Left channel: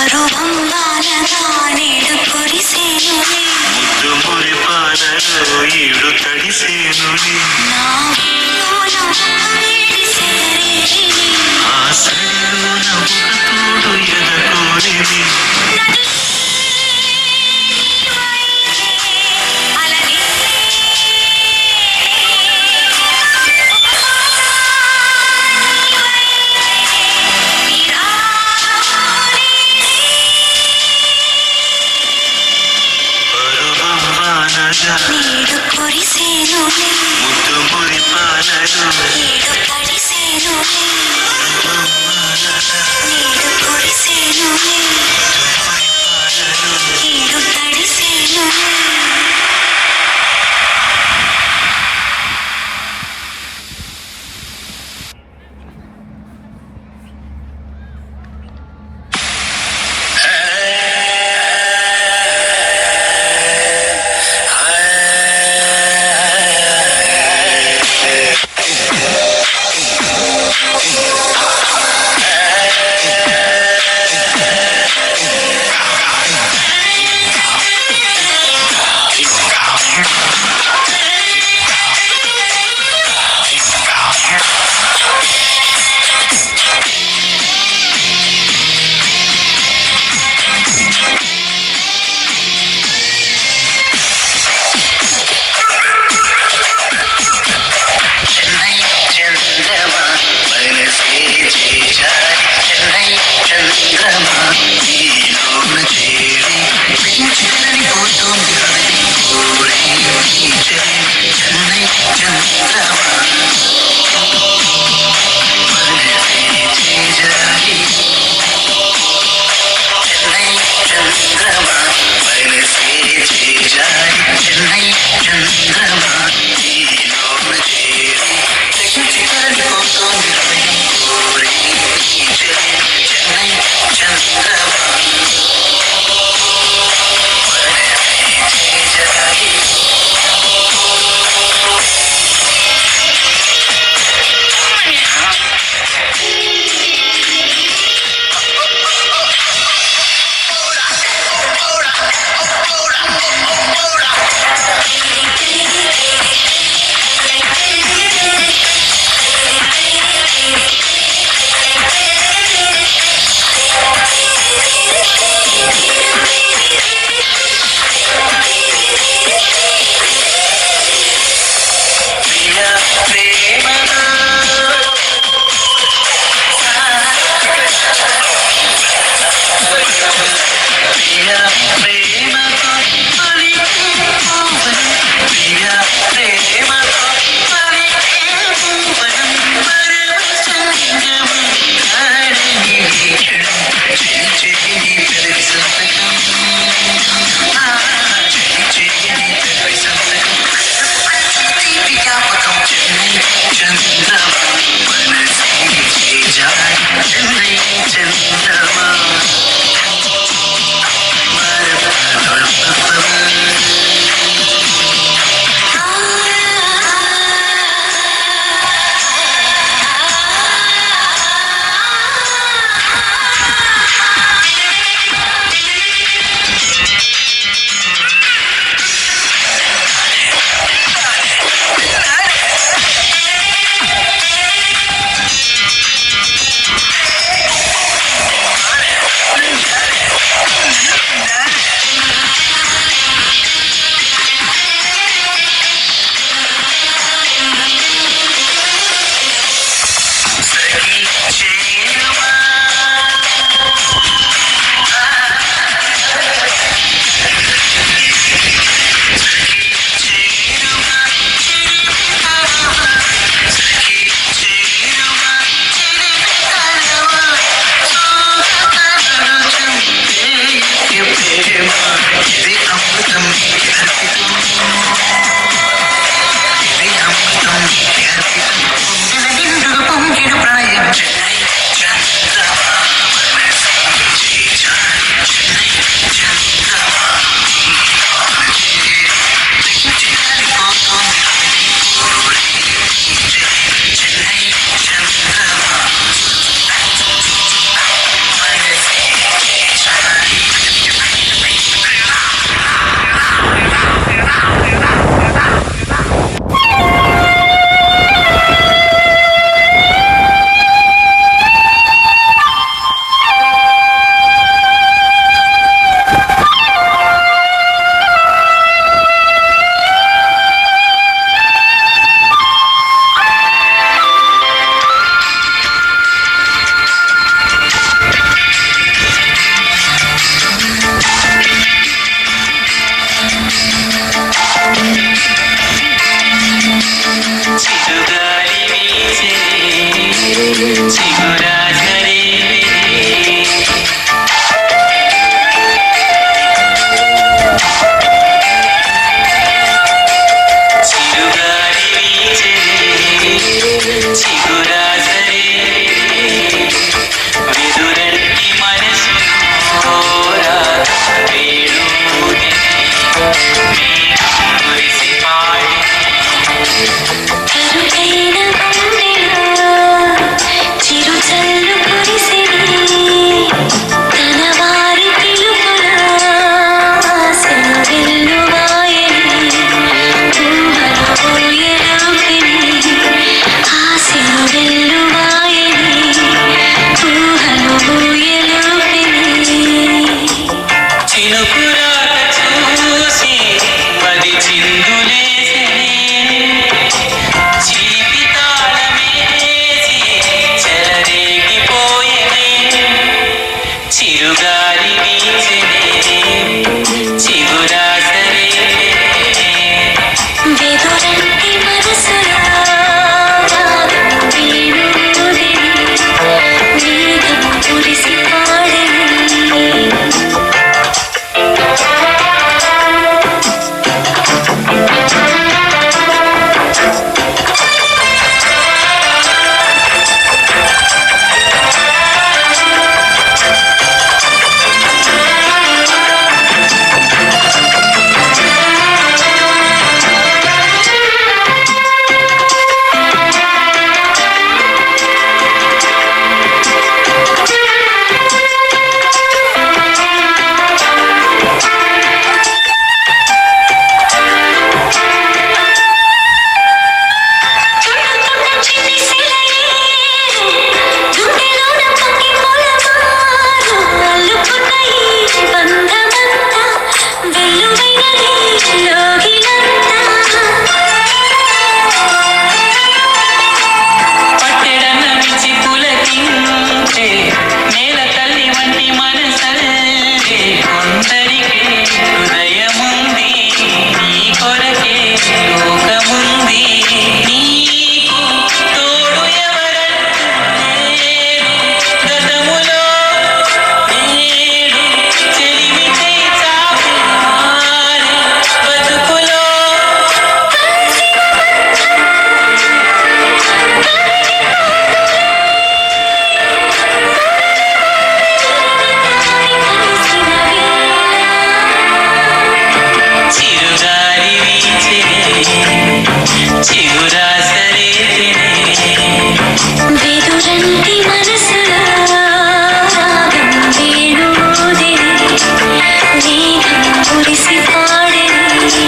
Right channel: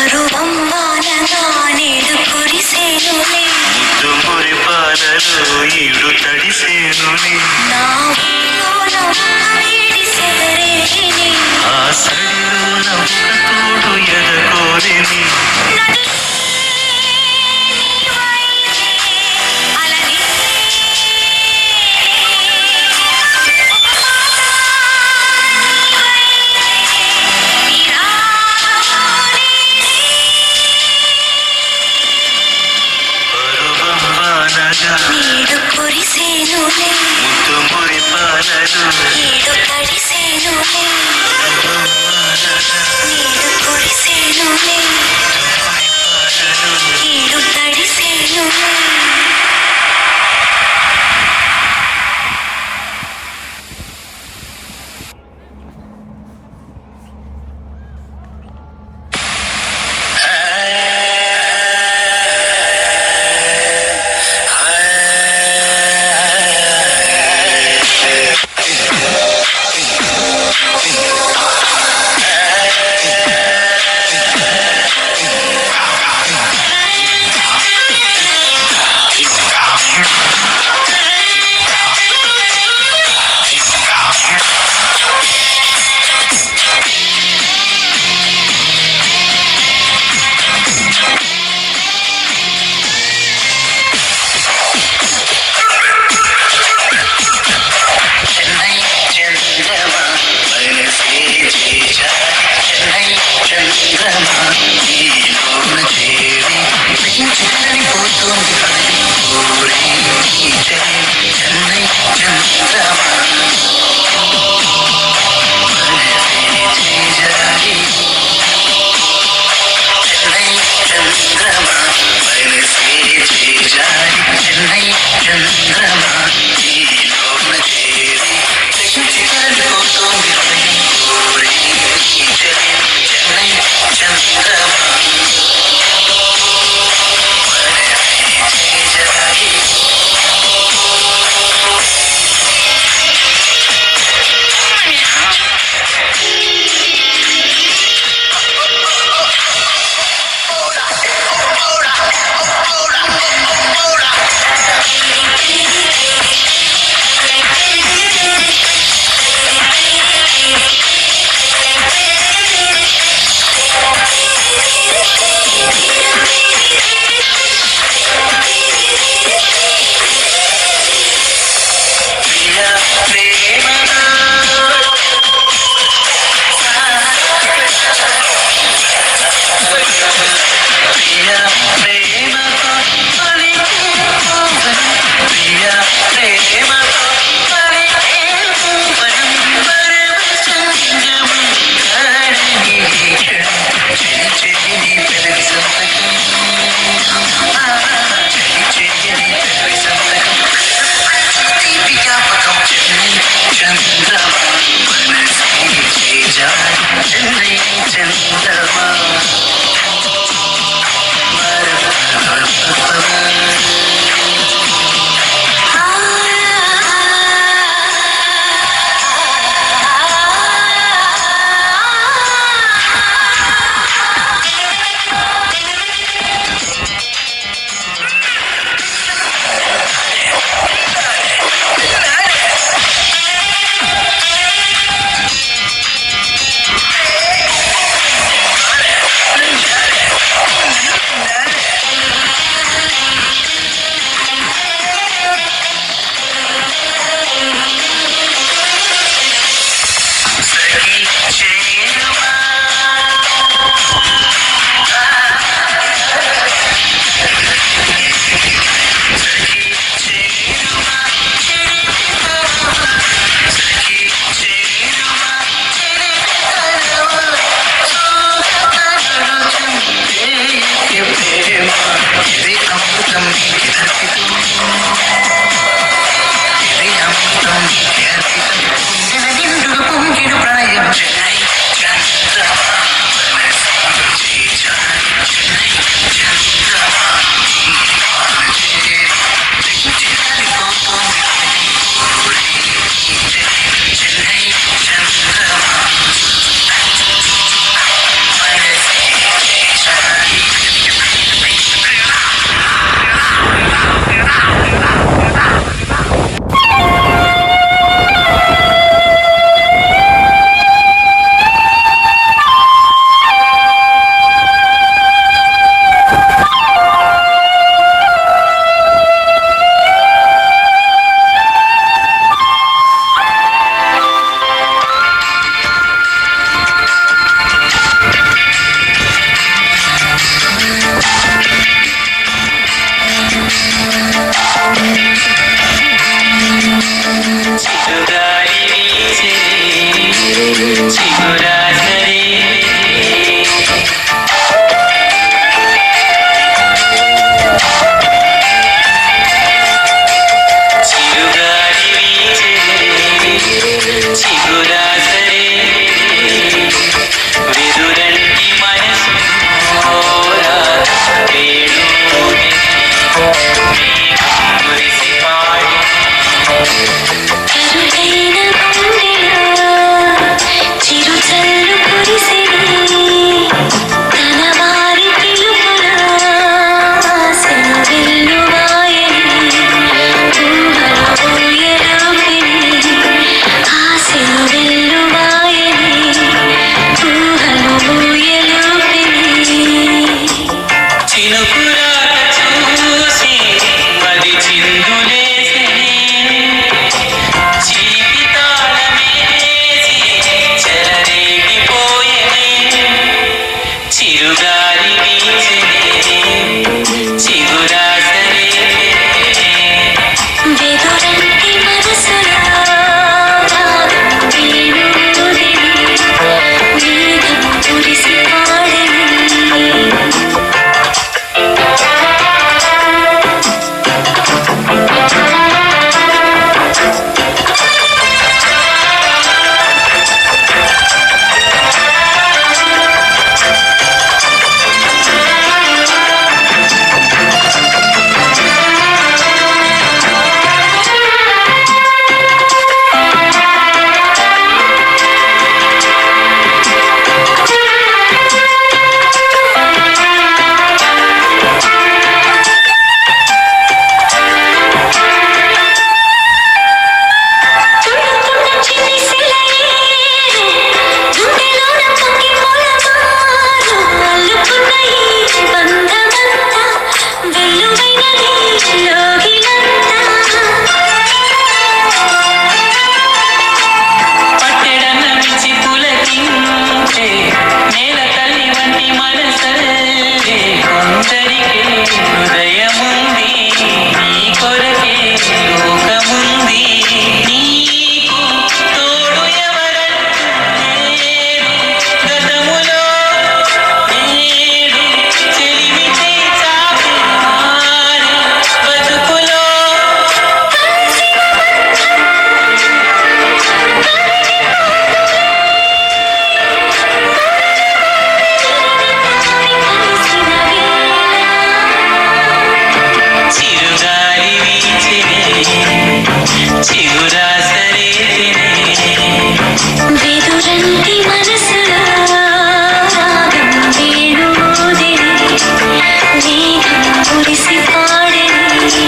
పరువంబానగా నేడు కురిసేనులే ముద్దు మురి పాలలో ఈడు తడిసేనుని నా ఊళ్ళోన ఒక వేడి సెగరేగిని ఆ సడిలో నవ్వుక తోడు ఎదకోరిని నీడు కురిసేనులే ముద్దు మురి పాలలో నీడు తడిసేనులే నీడు కురిసేనులే మురి పాలలో నీడు తడిసేనులే ఈలోన చేరి చిక్కడిపోతోంది హృదయం ఊరే నీ చెలి చెన్నై చంద్రమా మనసే చేజారి చెన్నై చంద్రమా మనసే చేజారి చెన్నై చంద్రమా ఈలోన చేరి చిక్కడిపోతోంది హృదయం ఊరే నీ చెలి చెన్నై చంద్రమా చంద్రమా మనసే చేజారి చెన్నై చంద్రమా ప్రేమ ఇది అమృతం నీకి అర్పితం ఇది అమృతం నీకి అర్పితం గుండెల నిండుగా పొంగిడు ప్రణయం చెన్నై చంద్రమా మనసే చేజారి చెన్నై చంద్రమా చేరి తెగించిపోతోంది చెన్నై చంద్రమా మనసే పట్టెడన్న మించి పులకించే నేల తల్లి వంటి మనసల్లి కొందరికి హృదయముంది నీ కొరకే లోకముంది నీకు తోడు ఎవరంటే గతములో నేడు చెలిమి చేయి చాపి మారి బతుకులో చిరుగాలి వీచే చిగురాసరే వెదురంటి మనసులో రాగం వేణుదే మేఘం కురిసి పాడేది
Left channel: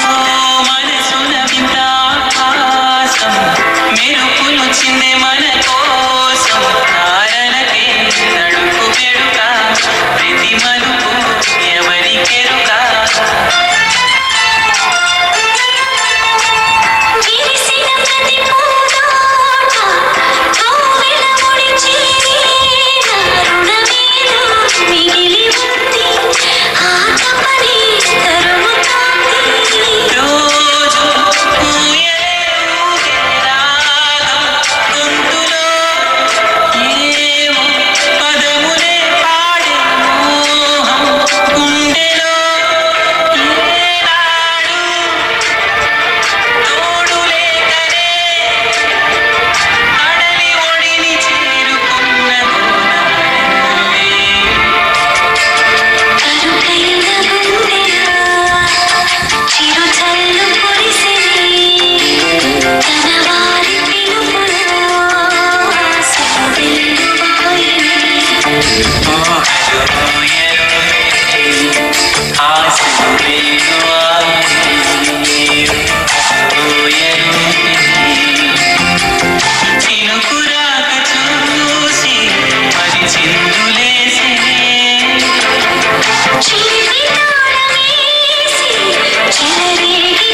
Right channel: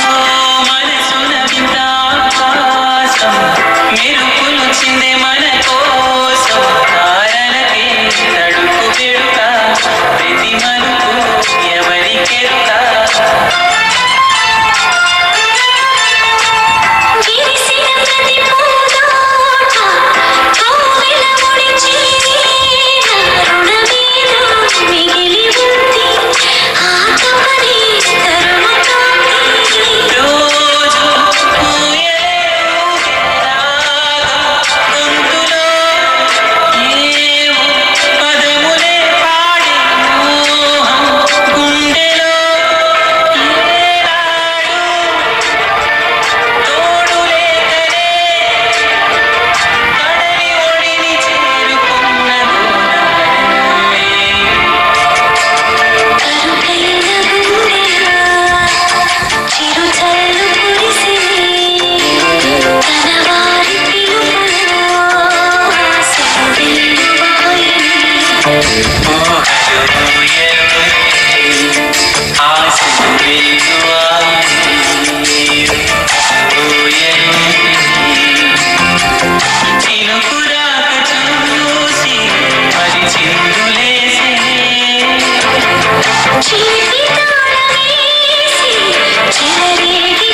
మనసున విందాపాసం మెరుపులు చిందే మన కోసం కారణకే తడుపు గెడుక ప్రతి మలుపు ఎవరికెరుక విరిసిన ప్రతి పూదోట కోవెల ముడిచి రుణమేదో మిగిలి ఉంది ఆత్మనే తరుముతోంది రోజు పూయలే రాగం గొంతులో ఏమో పదములే పాడి మోహం గుండెలో ఏనాడు తోడు లేకనే పడని ఒడిని చేరుకున్న కరుకైన గుండెలో చిరుచల్లు కురిసి తన వారి పిలుపులలో సరిదిద్దుకొని చిలిపి తాళవేసి చిలరేగి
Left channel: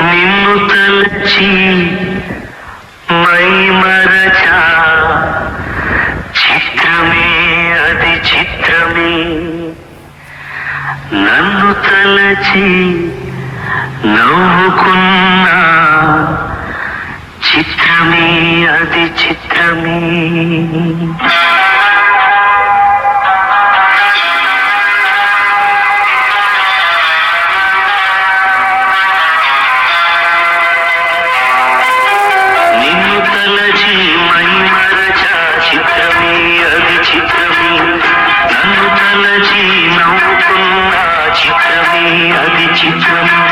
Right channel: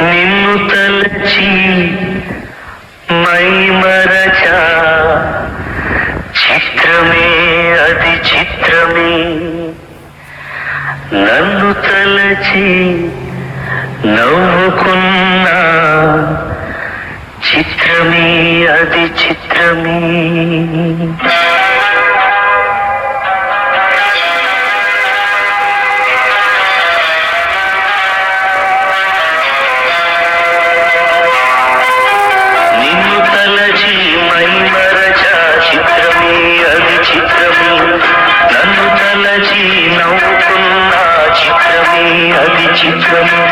నిన్ను తలచి మై మరచా చిత్రమే అది చిత్రమే నన్ను తలచి నవ్వుకున్నా చిత్రమే అది చిత్రమే నిన్ను తలచి మై మరచా చిత్రమే అది చిత్రమే నన్ను తలచి నవ్వుకున్నా చిత్రమే అది చిత్రమే